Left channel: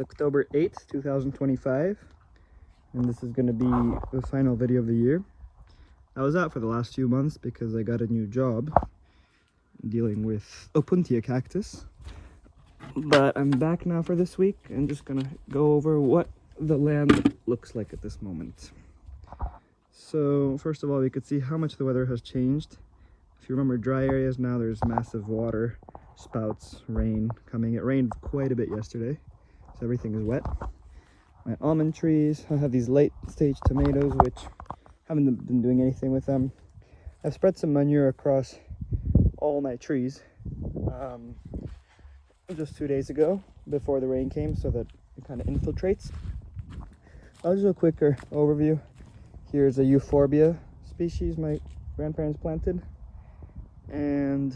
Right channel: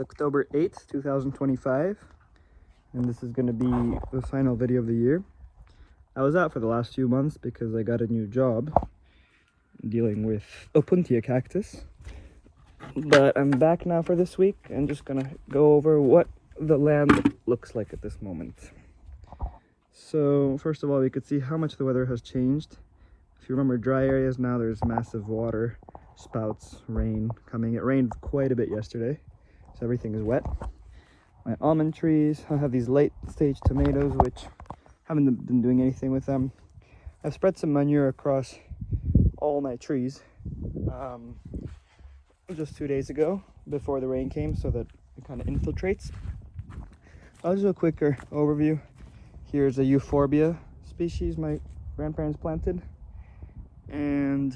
It's October 8th, 2025, and this is going to be the final video of the year. I was out for the last few months because I got a new job dealing with Opuntia cactus, but I'm back now for this week and just going to go over what the land looks like at this moment. So first of all, we could see how much the weather has changed. If you remember dry areas, now there's massive water spouts, rain coming. It rained quite a bit yesterday, so everything is wet. My almond trees, I have these late stage tomatoes which haven't been doing anything with them. I've spread some manure across all my trees just 2 days ago before the rain came, so that it kind of infiltrates. I'll do a quicker overview. Here's a euphorbia species my grandparents planted, and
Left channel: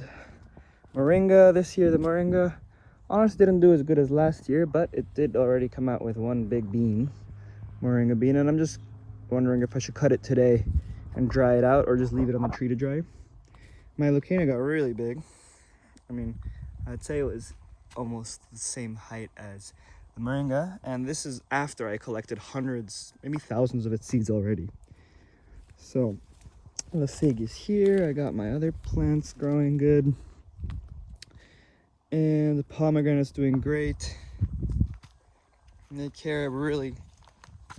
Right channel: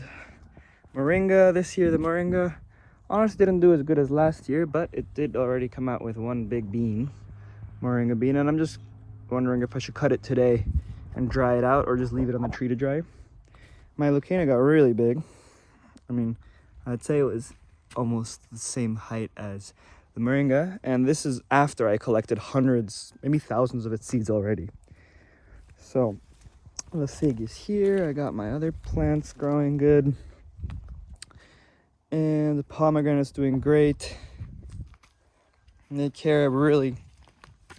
moringa. This year the moringa honestly didn't do as good as last year, but it did already come out with one big bean, moringa bean, and I'm just wondering if I should cut it today and dry it out or just leave it on the tree to dry. My leucaena got really big. I mean, I'd say it was almost the same height as the moringa, and this is after I collected hundreds, maybe thousands of its seeds already. So the fig is here. I got my other plants growing good, and the pomegranate's doing great. And the carob really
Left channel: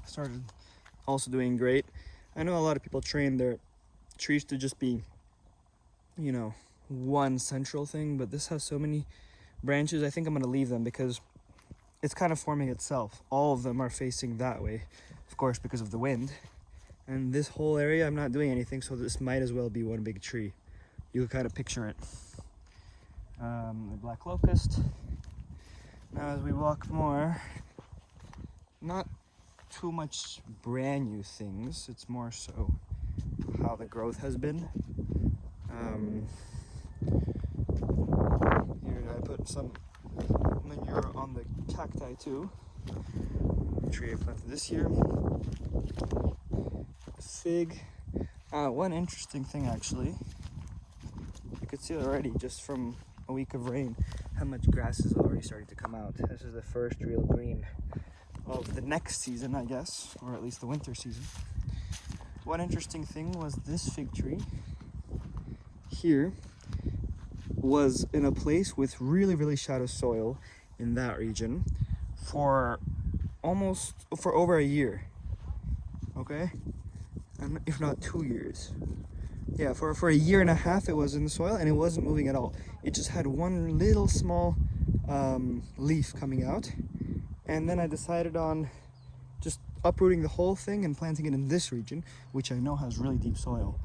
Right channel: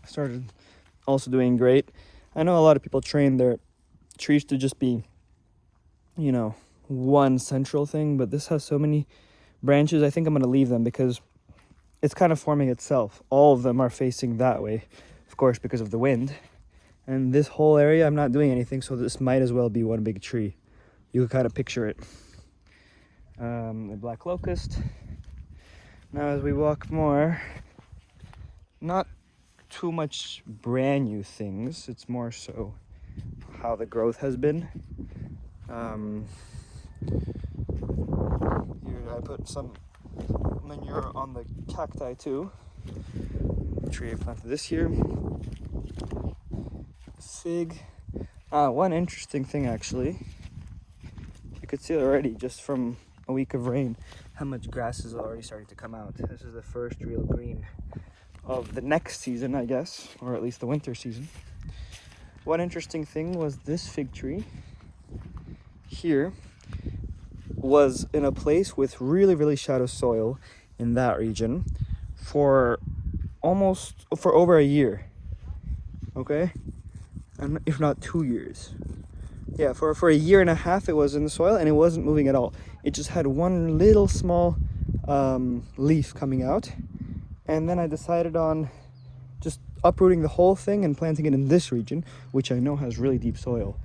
started also doing great. I know a lot of people train their trees to just be, you know, one central thing, but this has so many branches. I think I'm going to leave them because it's kind of forming itself. All of them are facing that way, of course, because of the wind. And this whole area, I'm not doing anything, so this might as well be one big tree. You can kind of picture it. The black locust. Now as we walk more, not too much brand new things, it's more so how the growth has been. Here I put some manure on the cacti too, the tree I planted this year. Fig. One interesting thing actually, you could see already just from a week of rain how much grass is already starting to come out. This is the first real green of the next season, I guess, or at least the winter season. One interesting thing was this fig tree here was in a place with really shallow soil in that region for over a year, okay, and if not 2 years. Yeah, for a year and a half it was in the soil and it wasn't moving at all. It just had one little small leaf coming out, and then I decided on just uprooting the whole thing and planting it in this region, which I know has really deep soil.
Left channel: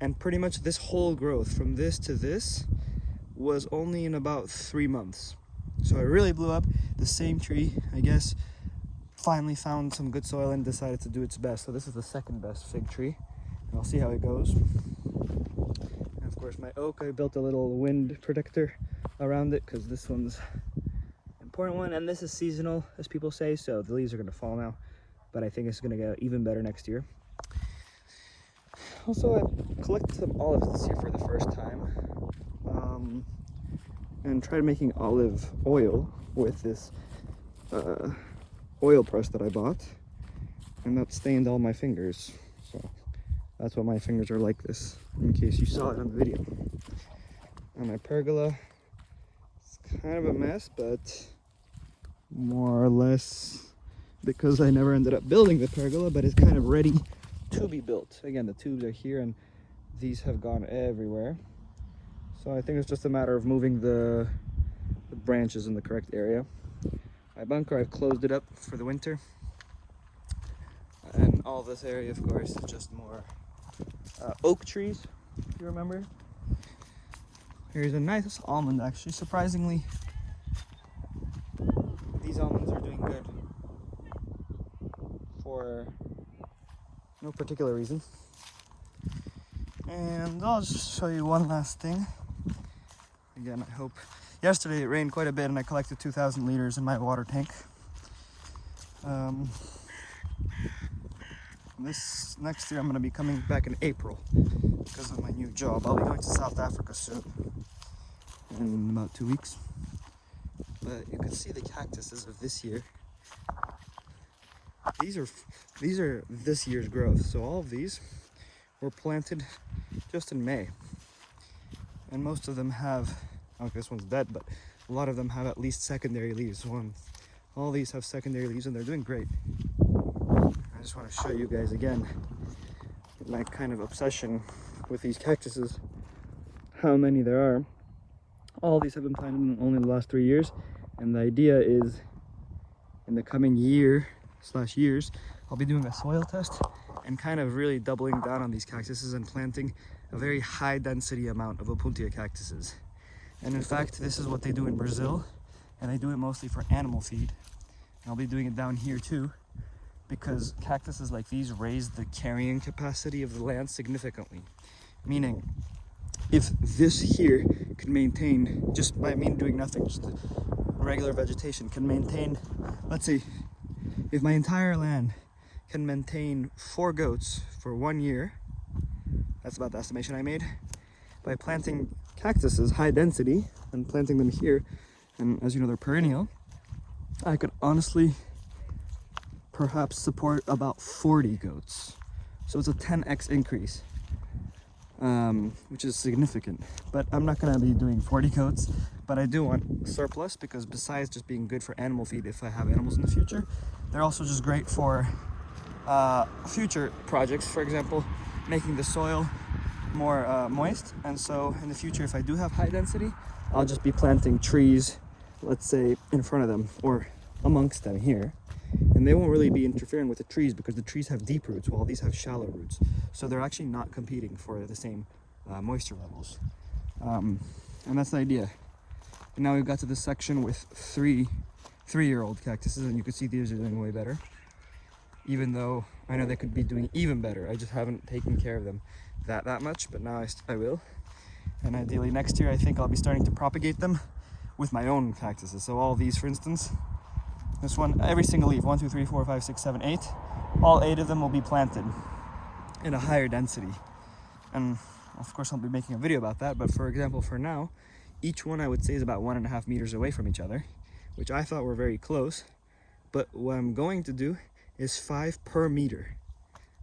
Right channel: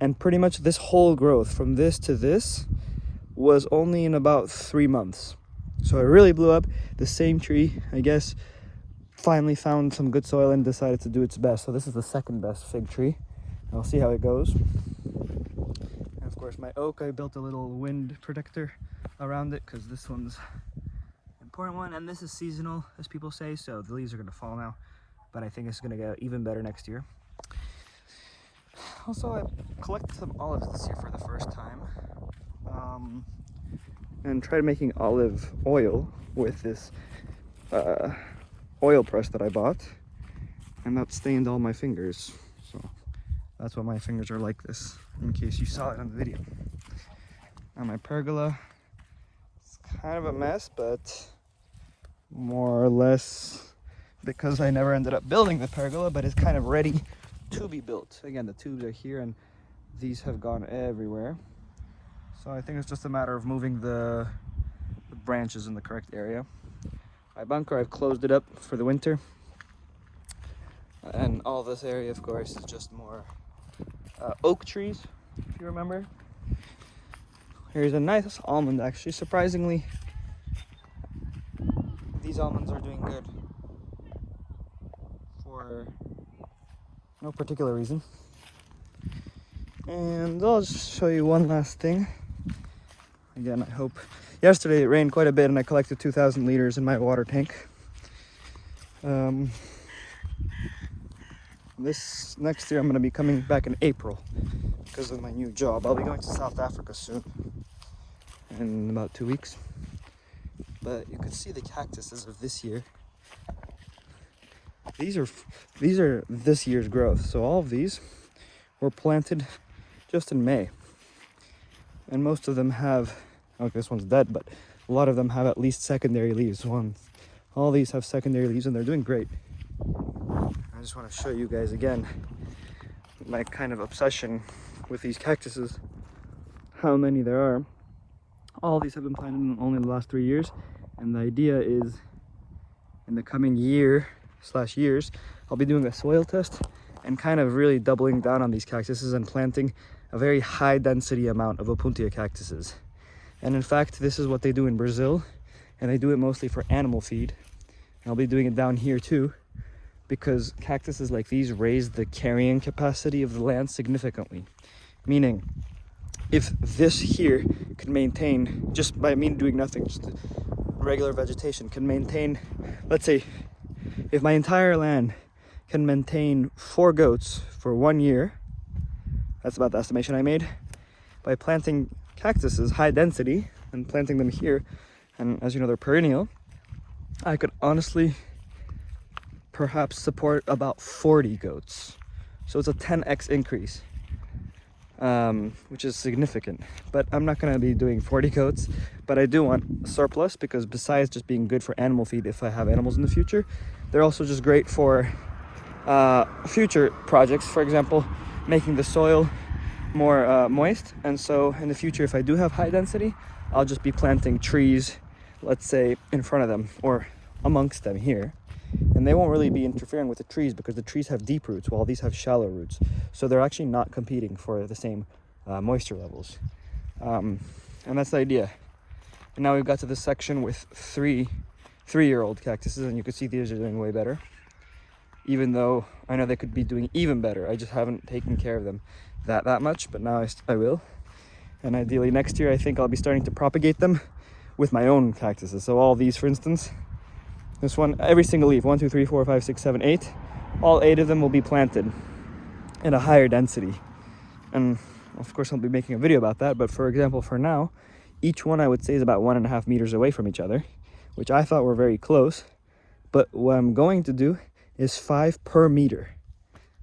And pretty much this whole growth from this to this was only in about 3 months. So it really blew up. The same tree, I guess, finally found some good soil and decided to do its best. So this is the second best fig tree. I'll see how it goes. And of course my oak, I built a little wind protector around it because this one's an important one, and this is seasonal, as people say, so the leaves are going to fall now, but I think it's going to get even better next year. Also, I collected some olives this year for the first time, and tried making olive oil with this oil press that I bought, and that stained all my fingers. So that's why my fingers are like this, in case you saw it on the video. And my pergola, it's kind of a mess, but more or less because I never ended up building the pergola, but it's kind of ready to be built. Again, the tubes are here and these have gone everywhere. So I think it's just a matter of moving the branches in the correct area. My bunker, I've closed it up for the winter. And all this area, of course, is just more oak trees, if you remember. Here's a nice almond, actually. Surprisingly, these almonds are doing good for no particular reason. And I'll just show you one last thing. Again, I hope. Yesterday it rained quite a bit and I collected 2,000 liters in my water tank. This next year I'm going to be coming back in April because of my new job. I'll be going to South Africa soon, in about 2 weeks. But you can see the cactus as of this year these are this year's growth. So all of these were planted just in May. And most of them have, okay, this one's dead, but a lot of them have at least secondary leaves. All these have secondary leaves and they're doing great. I just want to show you guys again my kind of obsession with these cactuses, how many there are. All these have been planted in only the last 3 years, and the idea is in the coming years, I'll be doing a soil test and kind of really doubling down on these cactuses and planting a very high density amount of Opuntia cactuses. And in fact, this is what they do in Brazil, and they do it mostly for animal feed. And I'll be doing it down here too, because cactuses like these raise the carrying capacity of the land significantly. Meaning, if this here can maintain, just by me doing nothing, just regular vegetation can maintain, let's say, if my entire land can maintain 4 goats for 1 year, that's about the estimation I made, by planting cactuses high density and planting them here, and as you know they're perennial, I could honestly perhaps support about 40 goats. So it's a 10x increase, which is significant. But I'm not going to be doing 40 goats, but I do want surplus, because besides just being good for animal feed if I have animals in the future, they're also just great for future projects. For example, making the soil more moist. And so in the future, if I do have high density, I'll just be planting trees, let's say in front of them or amongst them here, and they won't really be interfering with the trees because the trees have deep roots while these have shallow roots, so they're actually not competing for the same moisture levels. And that's the idea. And now we've got to this section with three-year-old cactuses, and you can see these are doing way better, even though I know they could be doing even better. I just haven't taken care of them that much, but now I will. And ideally next year I think I'll be starting to propagate them with my own cactuses. So all these, for instance, this one, every single leaf, 1, 2, 3, 4, 5, 6, 7, 8, all 8 of them will be planted in a higher density. And of course I'll be making a video about that, but for example, for now, each one I would say is about 1.5 meters away from each other, which I thought were very close. But what I'm going to do is 5 per meter.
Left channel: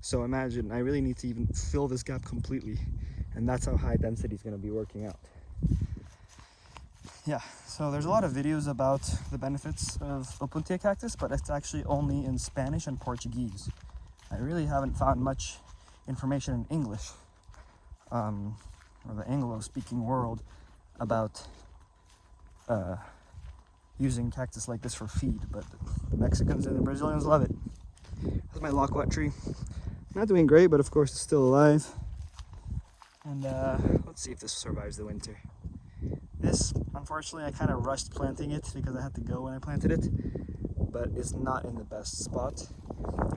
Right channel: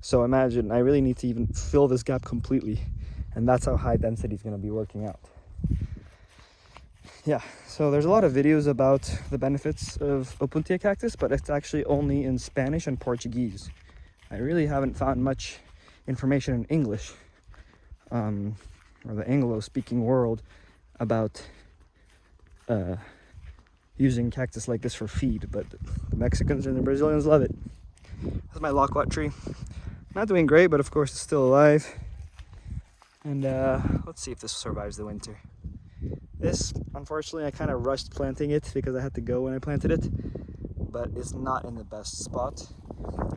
So imagine, I really need to even fill this gap completely, and that's how high density is going to be working out. Yeah, so there's a lot of videos about the benefits of Opuntia cactus, but it's actually only in Spanish and Portuguese. I really haven't found much information in English, or the Anglo-speaking world, about using cactus like this for feed, but the Mexicans and the Brazilians love it. This is my loquat tree. Not doing great, but of course it's still alive. And let's see if this survives the winter. This, unfortunately, I kind of rushed planting it because I had to go when I planted it, but it's not in the best spot.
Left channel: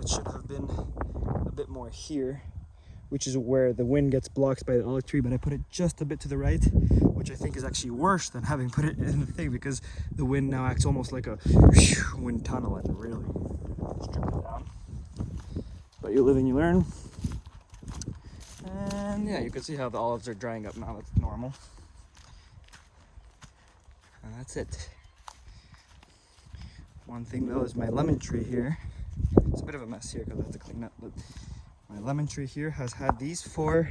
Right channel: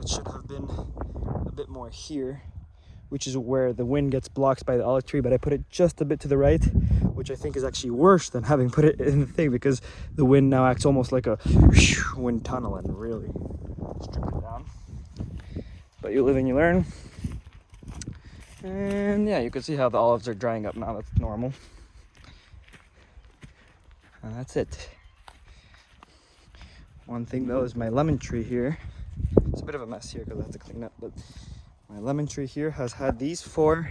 It should have been a bit more here, which is where the wind gets blocked by the olive tree, but I put it just a bit to the right, which I think is actually worse than having put it in the thing, because the wind now acts almost like a wind tunnel and really strip it down. But you live and you learn. And yeah, you can see how the olives are drying up now. That's normal. And that's it. One thing though is my lemon tree here. It's a bit of a mess here because I have to clean up, but my lemon tree here has had these 4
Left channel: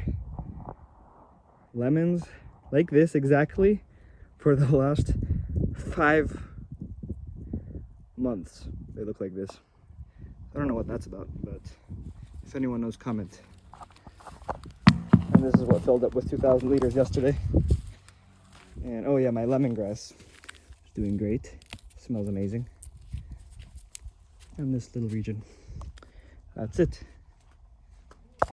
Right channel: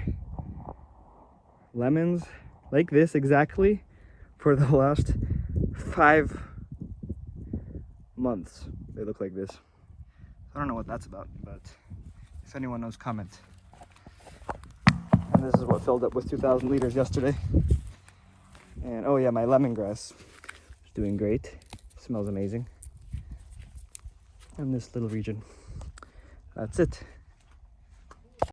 lemons like this exactly for the last 5 months. They look like this. I don't know what that's about, but if anyone knows, comment. And this is what filled up with 2,000 liters yesterday. And oh yeah, my lemongrass is doing great. Smells amazing. And this little region. That's it.